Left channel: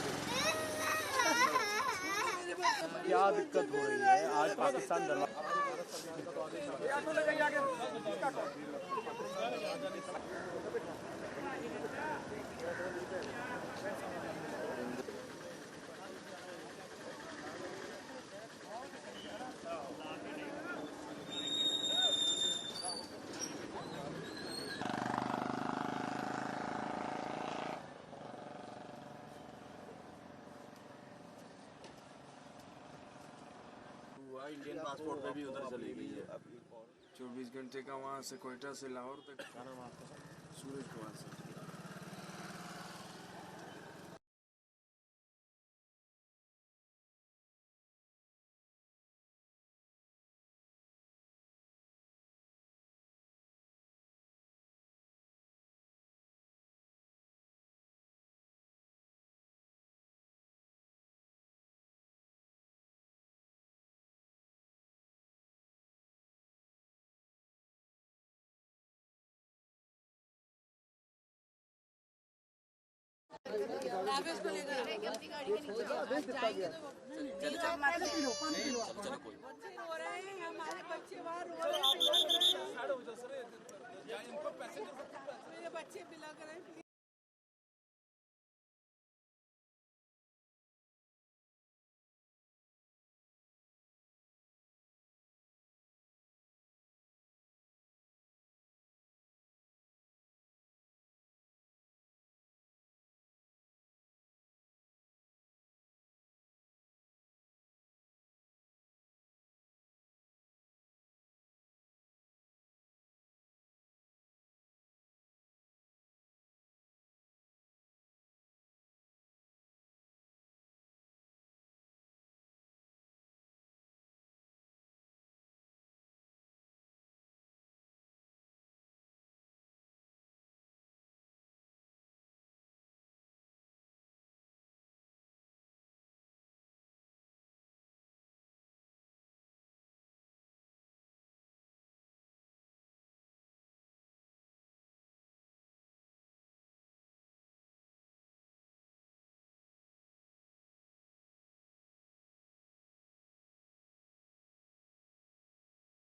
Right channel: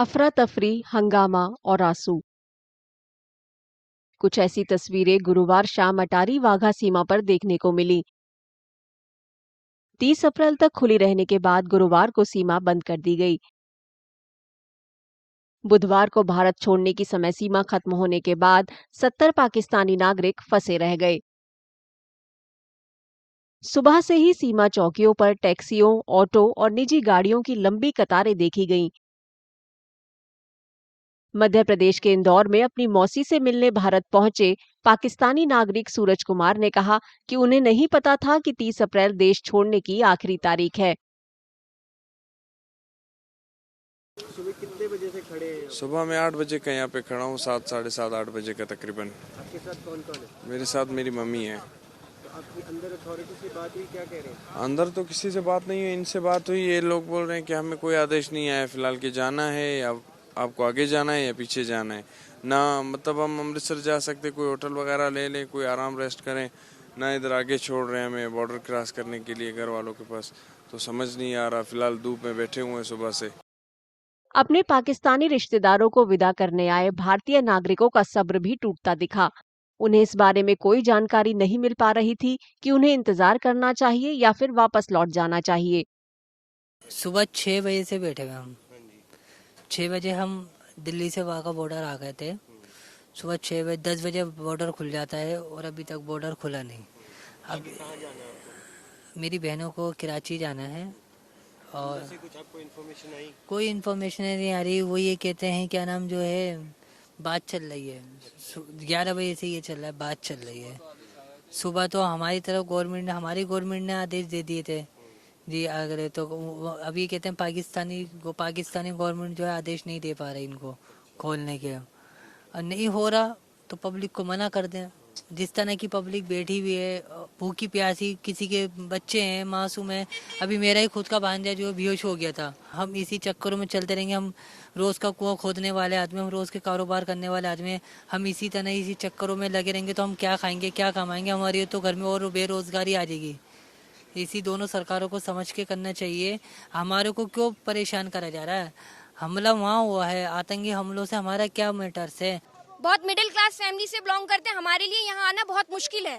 अफरा तफरी, हंगामा और आंसू। कुछ ऐसी तस्वीरें गुरुवार शाम अटारी वाघा सीमा पर देखने को मिली। 30 अप्रैल तक खुली रहने के बाद गुरुवार को सीमा बंद कर दी गई। बुधवार को भारत छोड़ने की समय सीमा खत्म होने के बाद 70 पाकिस्तानी नागरिक फंसे रह गए। सुबह से ही सीमा चौकियों पर टैक्सियों, ऑटो और निजी गाड़ियों की लंबी कतारें देखी गईं। मध्य प्रदेश के इंदौर में अपनी मौसी से मिलने भारत पहुंचे पाकिस्तानी नागरिक सूरज कुमार ने कहा कि उन्हें नहीं पता था कि 30 अप्रैल देश छोड़ने की आखिरी तारीख है। सुबह कितने बजे से खड़े हैं? सुबह मैं 8 बजे का यहाँ पे खड़ा हूँ, 7, साढ़े 7, 8 बजे का तकरीबन। आपके साथ कौन कौन है? मेरे साथ मेरी मम्मी है। तो आपकी अंदर अथॉरिटी से बात हुई, क्या कह रहे हैं? अंदर तो किसी से बात नहीं हुई, इनसे बात हुई। ये लोग बोल रहे हैं कि हमें कोई आदेश नहीं आया फिलहाल कि जाना है या आपको आगे जाना है या पीछे जाना है। ना मतलब हम अमृतसर जा सकते, कोई होटल वगैरह ले लें, कोई आराम रेस्ट करें, ना इधर आगे छोड़ रहे हैं हमें बॉर्डर क्रॉस करने के लिए घर वालों के पास। तो समझ नहीं आ रहा, फिलहाल धूप में बैठे हुए हैं सुबह से। अपने पाकिस्तानी रिश्तेदारों को विदा करने आए भारतीय नागरिकों का सब्र भी टूटता दिखा। उन्हें इस बारे में कोई जानकारी नहीं मिल पा रही थी कि उन्हें इंतजार करना चाहिए या फिर वापस लौट जाना चाहिए। सुबह 6 बजे से बैठे हुए हम। 6 बजे हम दिल्ली से वाघा बॉर्डर आ गए थे। सुबह 6 बजे 10 बजे बॉर्डर खुल जाता है और अभी तक बॉर्डर खुला नहीं। अब मेरी बहनों को कराची जाना है और कुछ आपको इन्फॉर्मेशन आई? कोई इन्फॉर्मेशन नहीं आ रही। वो ये कहते हैं क्या नाम जो है बात चल रही है, 11 बजे से ये चल रहा है, बात चल रही है। सुबह तो हमारी तरफ हमारी गवर्नमेंट ने आदेश दे दिए थे जी अगर तो अभी कहते हैं पाकिस्तानी गवर्नमेंट जो है आदेश नहीं दे पा रही इनको खोलने के। और नहीं हो रहा तो पब्लिक को मना कर दें। जिस तरह की पब्लिक बैठी हुई है भूखी प्यासी, किसी के बच्चे हैं, मासूम है। अभी मेरा ही खुद का भांजा जो बेहोश हो गया था। हम इसी चक्करों में चलते रहेंगे। हम रोज का कुआं खोदने वाले आदमी, हम रोज के कारोबार करने वाले आदमी, हम इसी चक्करों में लगे रहेंगे तो हम क्या खाएंगे, क्या कमाएंगे? हमारी तो घर में और बेरोजगारी आ जाएगी। इसी दोनों सरकारों को समझ के करना चाहिए। हमारे को क्यों परेशान करा जा रहा है? हमला वहाँ हुआ है, आतंकी हमलों से हमारा क्या मैटर्स है? बहुत मिडिल क्लास फैमिली से बिलोंग करते हैं। हमारे लिए यहाँ आना बहुत मुश्किल है।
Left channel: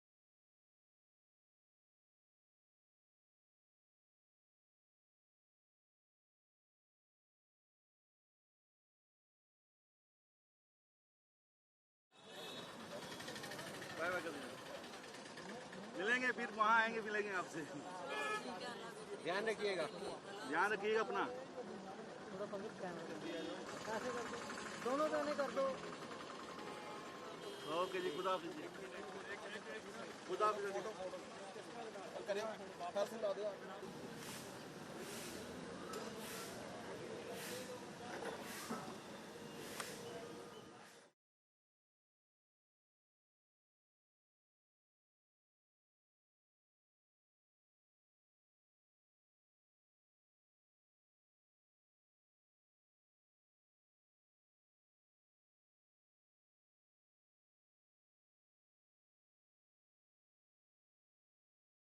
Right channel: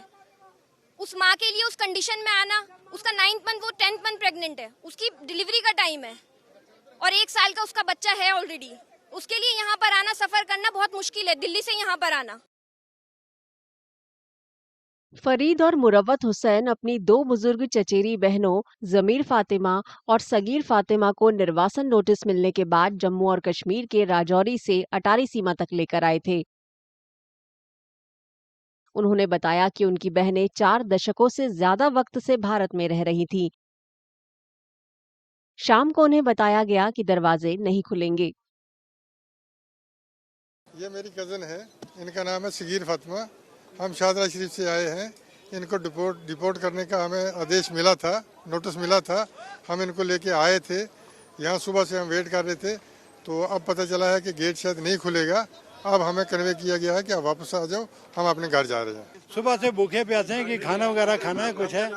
उस माँ के लिए उस कंडीशन में आना, उसका 9th मंथ, वो 10th मंथ प्रेग्नेंट है, उसकी डिलीवरी का टाइम है और 1 साल का उसका बच्चा है ऑलरेडी। उसके लिए यहाँ पर आना, सफर करना बहुत मुश्किल है, दिल्ली से यहाँ पर आना। फरीद और मुरव्वत हुसैन अपनी 2 बुजुर्ग चचेरी बहनों जमीर फातिमा और सगीर फातिमा को निर्वासन नोटिस मिलने के बाद जम्मू और कश्मीर के राजौरी से अटारी सीमा तक लेकर आए थे। उन्होंने बताया कि उनकी बहनें 4 दशकों से ज्यादा वक्त से भारत में रह रही थीं। शाम को उन्हें बताया गया कि दरवाजे नहीं खुलेंगे। ये मेरी कज़न है, इनका नाम है सगीर फातिमा। हम शाहदरा शरीफ से आए हैं। इनको डिपोर्ट करने का हमें आदेश मिला था, नोटिस मिला था। हम इनको लेके आए थे, यहाँ सुबह से हम वेट कर रहे थे। तो अब पता चला है कि गेट शायद नहीं खुलेगा। अब हमें कन्वे किया गया है कि आप वापस आ जाओ, हम अपने घर जा रहे हैं। सुबह से भूखे प्यासे हैं कि खाना वगैरह खाना है, कुछ है।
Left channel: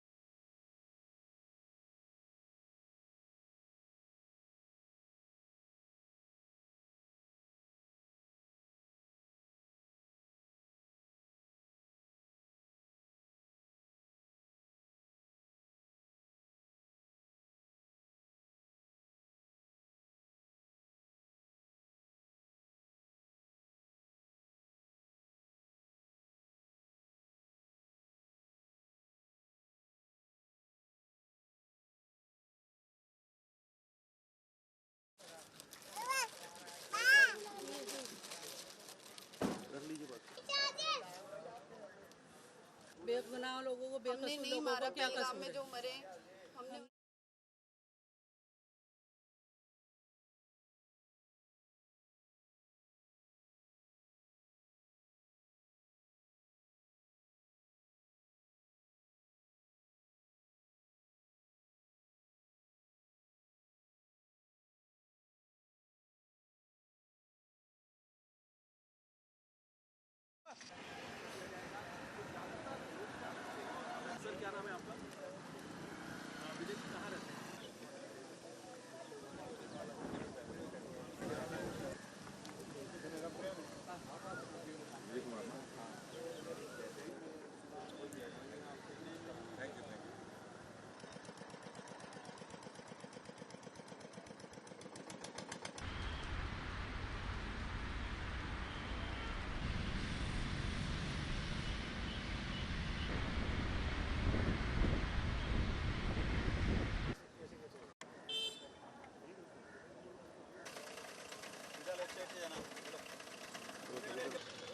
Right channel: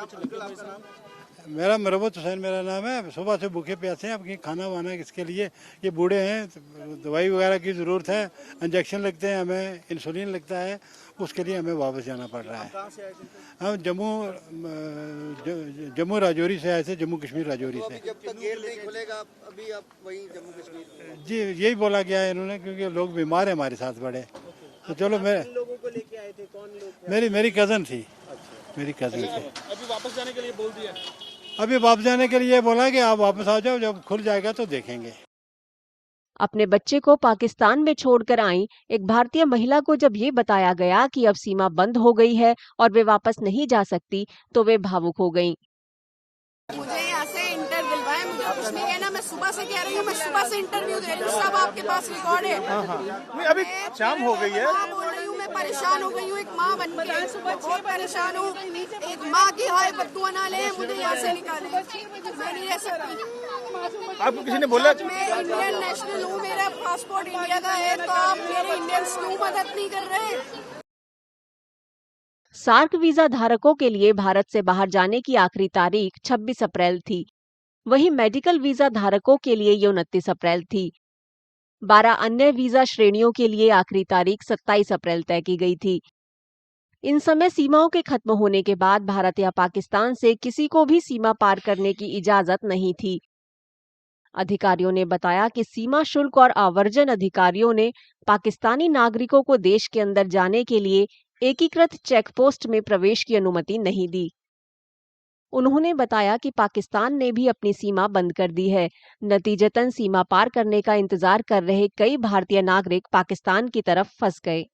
मेरा मुरव्वत हुसैन मेरा नाम है। सुबह से भूखे प्यासे हैं, अब कि खाना वाना इसके लिए, ये बूढ़े हैं, दवाई वगैरह की ज़रूरत है, इंजेक्शन लगते हैं, हमें इंसुलिन लगता है, उसके लिए हमें वापस जाना पड़ रहा है। हम जम्मू राजौरी से आए थे, जम्मू कश्मीर राजौरी से। जब तक गेट नहीं खुलेगा अभी आप वहीं जम्मू कश्मीर? जी यही बोला गया है इन्होंने, क्योंकि लोग बीमार हैं हमारे साथ बड़े। तो चलो लोगों को लेके आए थे, कौन लोग? मेरी कज़न थी, मेरी कज़न थी। अभी वापस जाने के लिए बोल दिया? अभी वापस जाने के लिए बोला कि आप वापस आ जाओ, जब खुल जाएगा तो देखेंगे। अपने बच्चे को पाकिस्तान में छोड़कर आई एक भारतीय महिला को जब ये बताया गया कि अब सीमा बंद हो गई है और वे वापस नहीं जा सकती, तो वे भावुक हो गईं। मुझे यहाँ से इंटर दिलवाया, मुझे कुछ नहीं कहना। मैं सुबह से कह रही हूँ, मैं सुबह से इंटरव्यू दे रही हूँ, सब आपके पास रिकॉर्ड है। अभी शाम हो गई है। मैं बोल रही हूँ, मैं परेशान हो गई हूँ एक माँ बन के, बहुत परेशान हूँ। एक माँ की हाय बद्दुआ ना ले, मुझे यहाँ से निकाले, मैं नहीं रह सकती। आपको किसी ने बोला? मैं इंडियन नेशनल हूँ, मेरा पासपोर्ट इंडिया का है, तो आप मेरे इंडियंस क्यों मदद नहीं कर रहे? सार्क वीजा धारकों के लिए भारत से बाहर जाने की आखिरी तारीख 26 अप्रैल थी। वहीं मेडिकल वीजा धारकों के लिए ये 29 अप्रैल थी। 12 अन्य वीजा श्रेणियों के लिए आखिरी तारीख 27 अप्रैल तय की गई थी। इन समय सीमाओं के खत्म होने के बाद भारत या पाकिस्तान से किसी को भी सीमा पार करने की इजाजत नहीं थी। अधिकारियों ने बताया कि सीमा शुल्क और आवर्जन अधिकारियों ने पाकिस्तानी नागरिकों को देश के अंदर जाने के लिए एकीकृत चेक पोस्ट में प्रवेश की अनुमति नहीं दी। उन्होंने बताया कि पाकिस्तान ने भी अपनी सीमा बंद कर दी है। नतीजतन सीमा पार करने का इंतजार कर रहे कई भारतीय नागरिक पाकिस्तान की तरफ फंस गए।